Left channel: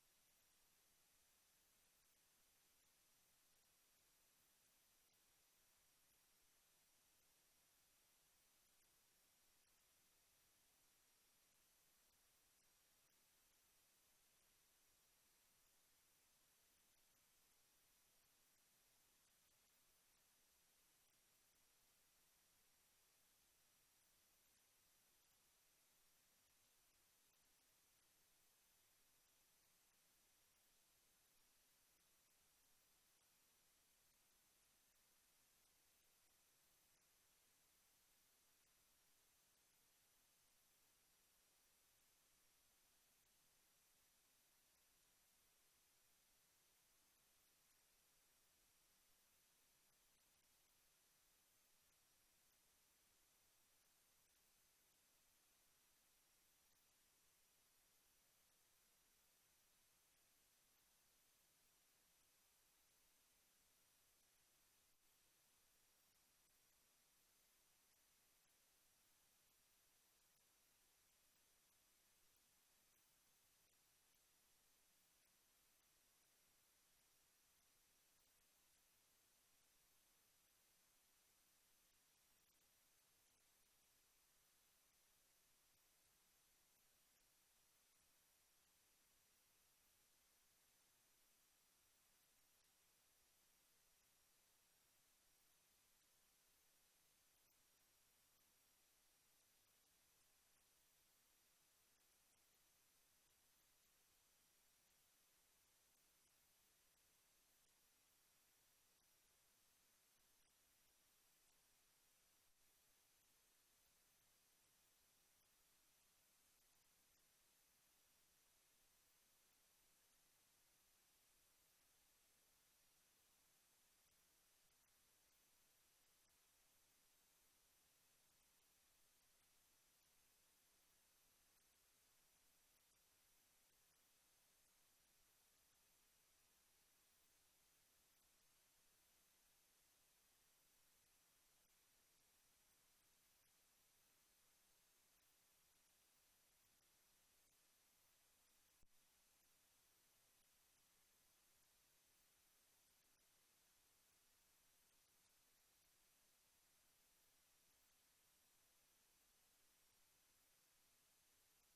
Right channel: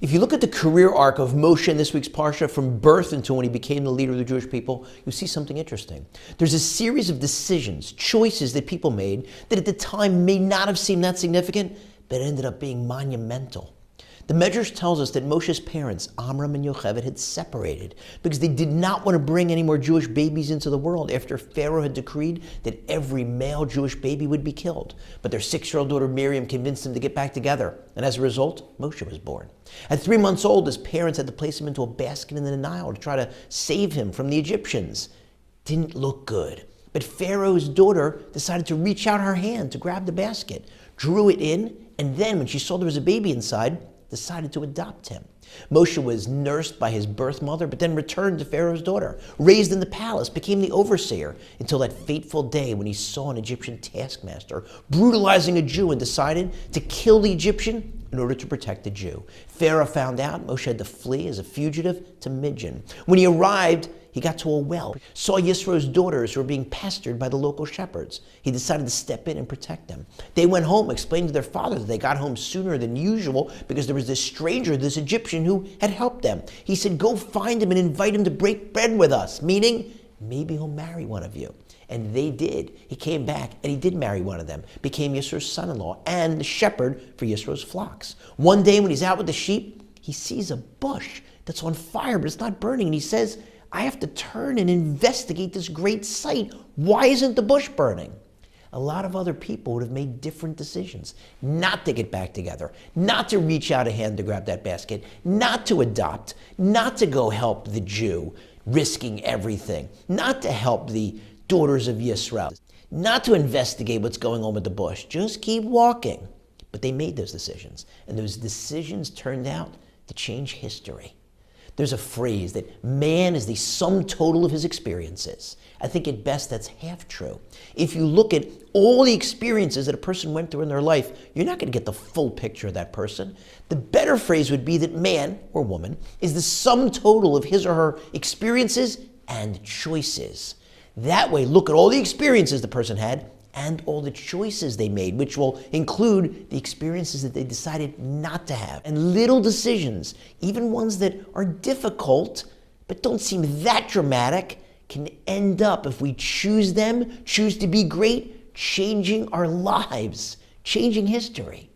If you look at the career arc of Moshe in this week's Parsha from birth until when he became the leader of the Jewish people, you'll see something interesting. There's a series of decisions, choices that people made that at the time may not have seemed that significant, but ended up being monumental. The Medrash tells us that Moshe's parents, Amram and Yocheved, had separated because they did not want to bring any more Jewish babies into the world after Pharaoh had decreed that every male Jewish baby would be killed. But their 6-year-old daughter Miriam convinced them to get back together, and as a result, Moshe was born. At 3 months old, his parents had to place him into a basket in the Nile to try to save him from the Egyptians. Didn't look good. But Pharaoh's daughter decided to reach out her hand to grab the basket, drew it in, and then when she saw there was a baby inside, decided to adopt him. Moshe was nursed by his birth mother, but then returned to Pharaoh's daughter, raised in the palace, became the overseer, until that fateful day when he saw an Egyptian taskmaster brutalizing a Jew and decided to kill the Egyptian in order to protect the Jew. Pharaoh found out. Moshe had to flee as a fugitive to Midian. When he arrived, he got to a well, saw Yisro's daughters who were being pestered by the local shepherds. He decided to step in and protect them. They went home, explained to their father that they got home sooner than usual because there was this stranger, this Egyptian, who had helped them. He said, go find him and invite him to break bread with us, meaning maybe he'll marry one of you. And they did. He came back and he did marry one of them, became Yisro's son-in-law and the shepherd for Yisro's flocks. One day when he's out with the sheep, he sees a bush that's on fire, but it's not burning. And he says, I have to turn and investigate this great sight. Why isn't the bush burning? A lot of other people would have made different decisions. Not to get back together, not to reach out a hand to grab that basket, not to adopt, not to go help the Jew, risking everything, not to help the daughters of Yisrael, not to investigate what's going on with the bush. Just keep walking. But they made those decisions, and those decisions turned out to change history. There's a phrase that man is the sum total of his experiences. I think at best that's half true. If you look at all the experiences that a person went through in their life, you're not going to get the full picture of that person. The better phrase would be that man or woman is the sum total of his or her experiences and choices. That way, look at all the experiences the person had and all the choices they made, which will include the experiences that they decided not to have. And little decisions, even ones that are difficult but don't seem that dramatic, can end up, if we choose them, choose to be great, changing our lives, changing history.